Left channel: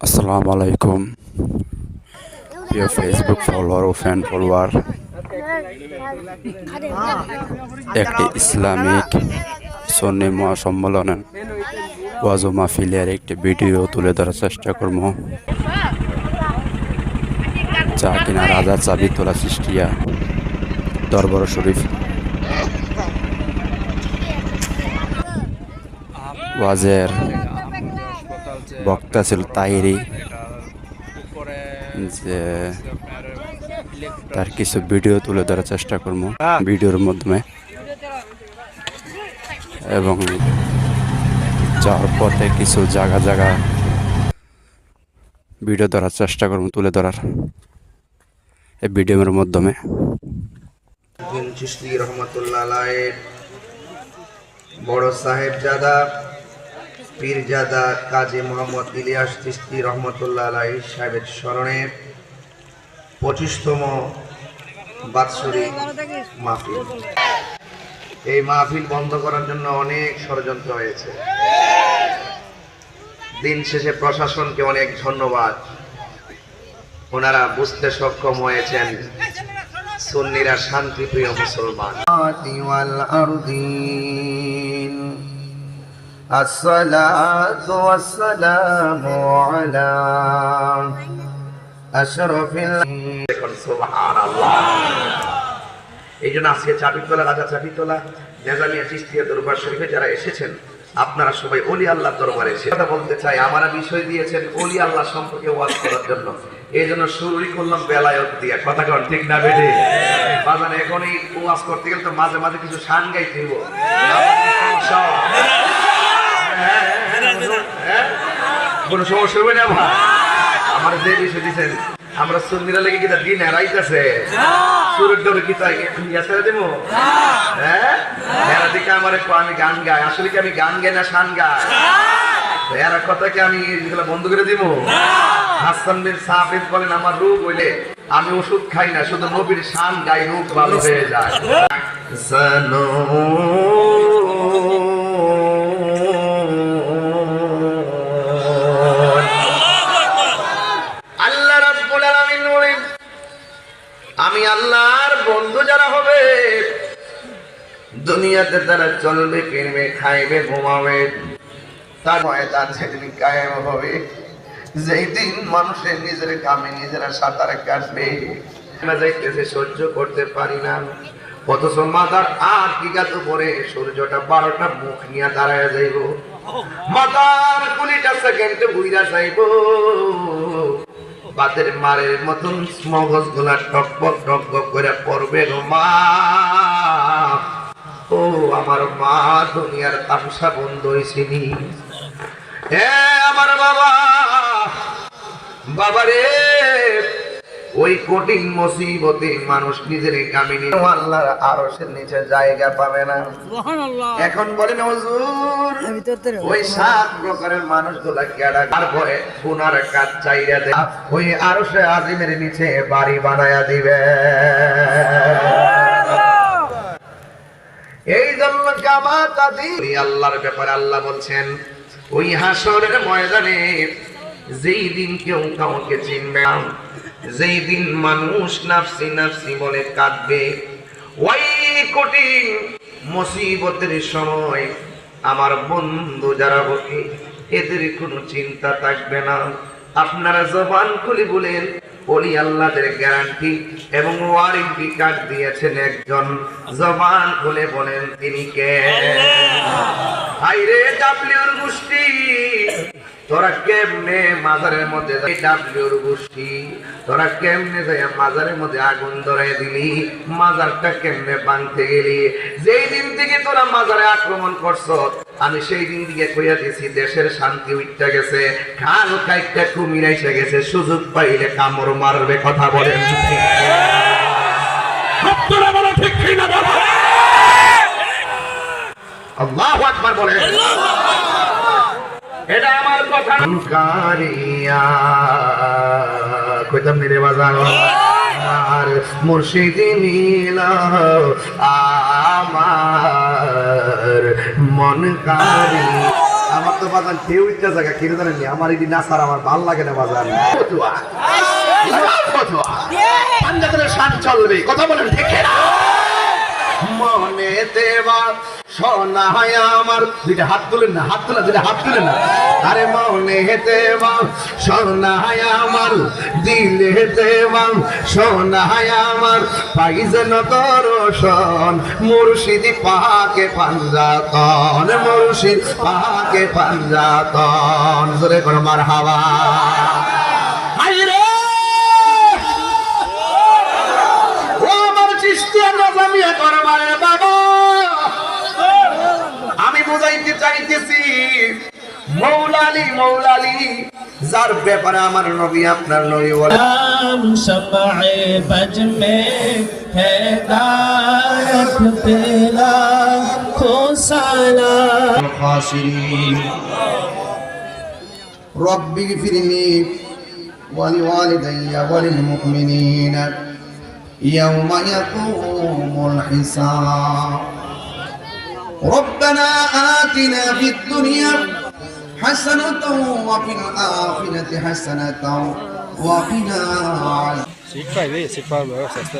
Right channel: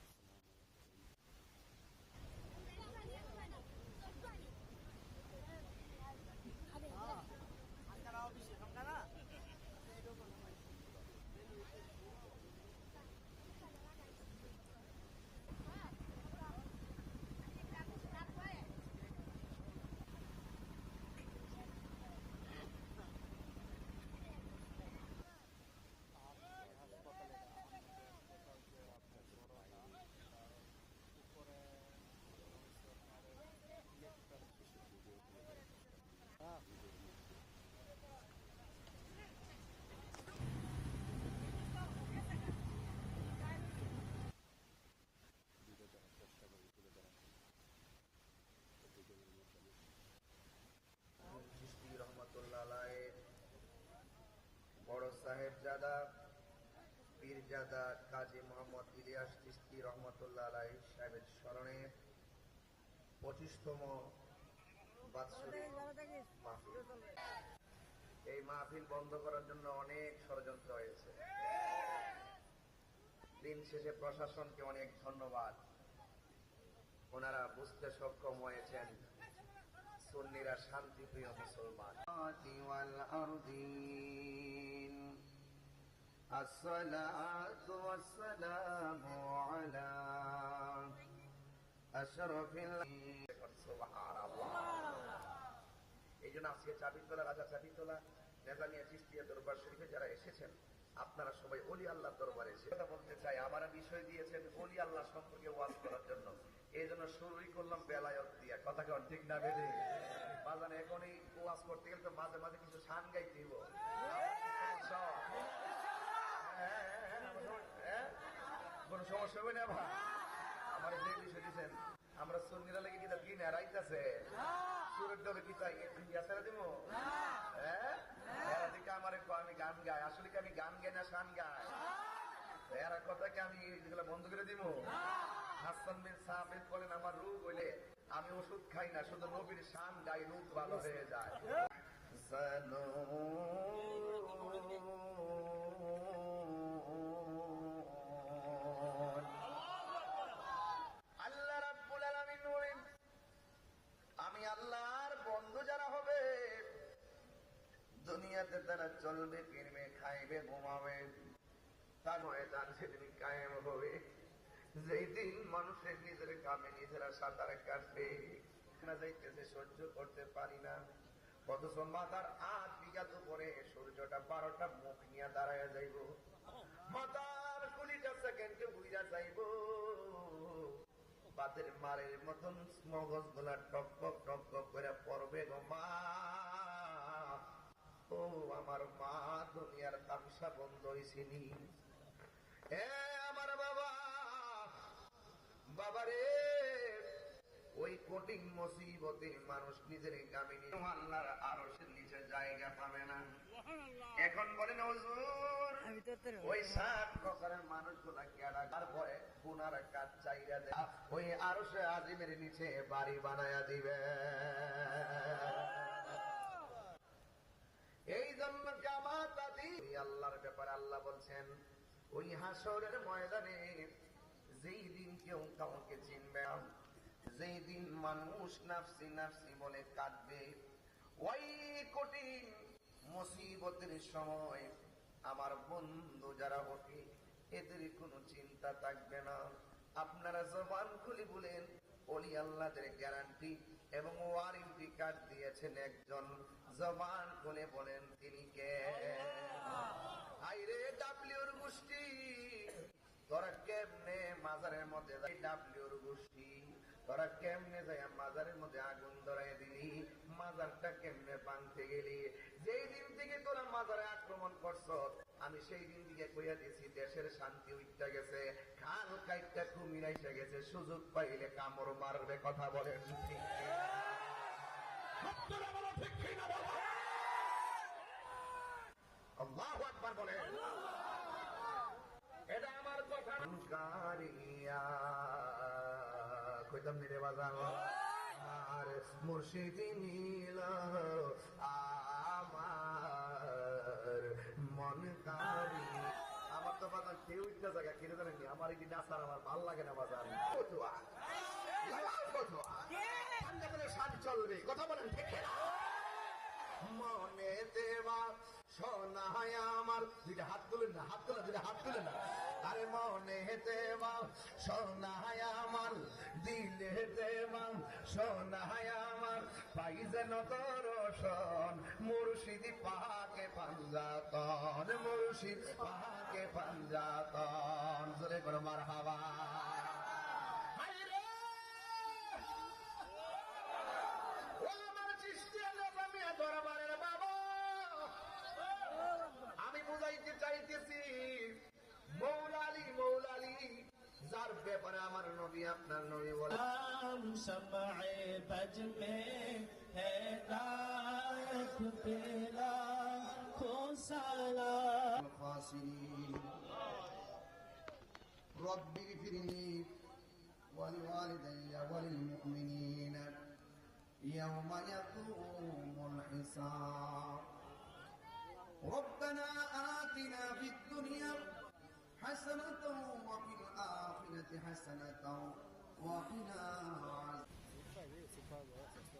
আসসালামু আলাইকুম প্রিয় ফেসবুক ফলোয়ার ও ফ্যান ফলোয়ার। একটি ইসলামিক সুন্নি মহাসম্মেলনের ওয়াজ ও মাহফিলের একটি ভিডিও তুলে ধরার চেষ্টা করব, যা কিনা রাজা চাবিতলা সৃষ্টিয়া দরবার শরীফ ওয়াজের বক্তা ছিল তাহিরি, যে তার কিছু ভিডিও তুলে ধরার চেষ্টা করবো ভিডিওর মাধ্যমে, এবং যাওয়ার পথে কিছু জায়গা ভিডিও ধরার চেষ্টা করবো, তুলে ধরার এই ভিডিওর মাধ্যমে। চিশতি রহমতুল্লাহ আলাইহির বড় সাহেবজাদা পীরজাদা কাজী মোহাম্মদ ইলিয়াস চিশতি রহমতুল্লাহ আলাইহি সাহেবের স্মরণে 25তম বাৎসরিক মাহফিল। এই মাহফিল বন্ধ করার জন্য অনেক ষড়যন্ত্র হয়েছে। দিন শেষে প্রশাসনকে অনেক ধন্যবাদ, ওনারা বুঝতে সক্ষম হয়েছেন সুন্নিরা শান্তিপ্রিয় মুসলমান। আসসালাতু ওয়াসসালামু আলা আশরাফিল সুবহানাল্লাহ। এই জন্য আজকে চাবিতলা রাজা চাবিতলা নেজামিয়া চিশতিয়া দরবার শরীফে যারা এসেছেন, আপনারা সবাই ওলি আল্লাহর দরবারে এসে কথা বলতে চাই। আমারা বিষয় দিয়েছেন ওলি আল্লাহ সম্পর্কে ওয়াজ করার জন্য, এই জন্য শুরুই করলাম বেলায়ত দিয়ে। কথা কন ঠিক না বেঠে? বাজারে এখনই ওয়াজ করতে গেলে তো মাঝে মাঝে কিছু শান গাইতে হইব। কোনো সমস্যা হবে না ভাই? আমার যে বিষয় দিচ্ছেন, আমরা সুন্নিরা লেগে কিনা দিন হারাইতেছে সুরের ডরে কি তাই ইয়াতে দেব? হ্যাঁ, এরা দিকে আমার আমি গান গাই, আসলে কি আমি গান গাই না শান গাই? এরা কথা কি আমি এগুলো বন্ধ করে দিব? হাসান বিন সাবিত বলেন, আমার রোগ হইলে আমি ওষুধ খাই না, শুধু নবীর শান গাই, রোগ ভালো হয়ে যায়। সানো আমি আল্লাহর বন্ধু যারা হবে, দুনিয়াতে তারা চলবে, কিনবে, খাইবে, ঘুমাবে, তার ময়দান সেদিন কায়েম হবে যেই দিন মানুষের নিজের কামে নিজেরা সাঁতারে কাটবে। যাইতেছে সহ্য করতে পারি না, অথচ মাথার 8 বিঘাত উপরে সূর্যটা 12টা মুখ নিয়ে দাঁড়ায় যাইব, মাথার কুলিটা সেকেন্ডে বুইরা যাইব, বাতের মারের মতন মগজ গুলা টকবক টকবক করে পড়বে গো মা। ও আমার মা, দুনিয়ার তামসা বন্ধ হয়েছিনি। হে আমার বাবা, বাবারে, ওই কঠিন মুসিবতে মানুষ নিজের কামিনী আল্লাহর আরশের নিচে জায়গা পাবে না। এখন বলেন হুজুর, ওই 7 প্রকারের মানুষগুলা কেডা? তারপরে গুনার কাজ চাইরা দেয়, ওই আরশে আজিমের নিচে বাড়ি বানায়া দিবে। এই জন্য কিয়ামত দিন আল্লাহর ব্যাপারে আল্লাহ বলছেন, ওই হাসরের ময়দানে যেই দিন কেউ কাউকে চিনবে না, যেই দিন মানুষ নাফসি নাফসি বলে কাঁদবে, ওই কঠিন মুসিবতের সময় আমার বন্ধু যারা বকে, এদের কোনো চিন্তা থাকবে না। আপনারা জবান খুলে বলেন, ওলি আল্লাহদের গ্যারান্টি এবং ওয়ারেন্টি কার্ড দিয়েছেন একজন, জবান খুলে বলেন তিনি কে? হাইরে ডাবলিউর গোষ্ঠী, তোরা কেমনে মাজারের মধ্যে ডাবলিউর গোষ্ঠী, তোরা কেমনে যাই মাজারের মধ্যে আগুন ধরাই দিলি, মাজারটা কেমনে ভাঙতে গেলি? যেই দিন থেকে তোরা মাজারে আক্রমণ করছ, আমি সেই দিন থেকে কইয়া দিছি দেশের শান্তি উঠতে গেছে, খাল কাইটটা কুমির এসে গেছে, সুযোগ পাইলে কামড় মারবে। কথা বলেন আল্লাহু আকবার বলেন। এটা আমার কথা কারিয়া কইতাম নি রে বাজার, আর মুর্শিদ নীল আমার মন কারি। আমার তো বাজান কেউ ইচ্ছা জায়গা কিনে জানেন আমার এটি না স্যার আমার ভাল লাগে না বাজান পাঞ্জাবের শান চলবে কথা বলেন ঠিক না মনে দেবা সোনা আমার দুইটা হাত তুলেন না হাত তোলা দুইটা হাত তুলেন না আরে মনে দেবা সোনা আমার দিলে দেবা সোনা আমার পাইজেন দর্শন মুর্শিদি পাকে পাঞ্জাতন মুর্শিদ পাকে পাঞ্জাতন জোরে করে মারহাবা হায়রে ও আমার চিশতিয়া নাজামিয়া করবারে বাবা আমি বুঝাইতে চাইতেছি মৌলালি মৌলালি যার ব্যাপারে আমার নবী আপনার নবী বলে नाम शफ़ाए बज में है दायक तेरा खो साला الخاسرين رب اغفر لي ولوالدي وللمؤمنين يوم يقوم الحساب ربنا آتنا في الدنيا حسنة وفي الآخرة حسنة وقنا عذاب Sit快位，sit快位，小事。